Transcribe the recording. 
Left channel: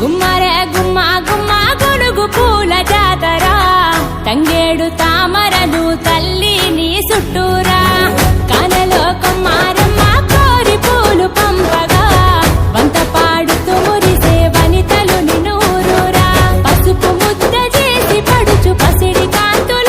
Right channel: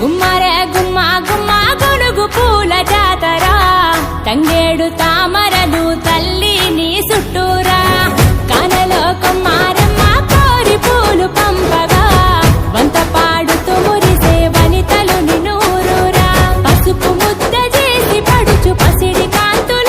గుమ్మరే గుమ్మ గుమ్మ గొనుగు పూల జాతరా తంగేడు తామరలు తల్లి నీ చుట్టూరా కానలో కొమ్మారమ్మ కోరి పూలు పంపగా వంత పాడుతూ మురిసే వనితలు నినూరురా పసుపు ముద్ద చేసి పడుచు పసిడి కాంతుల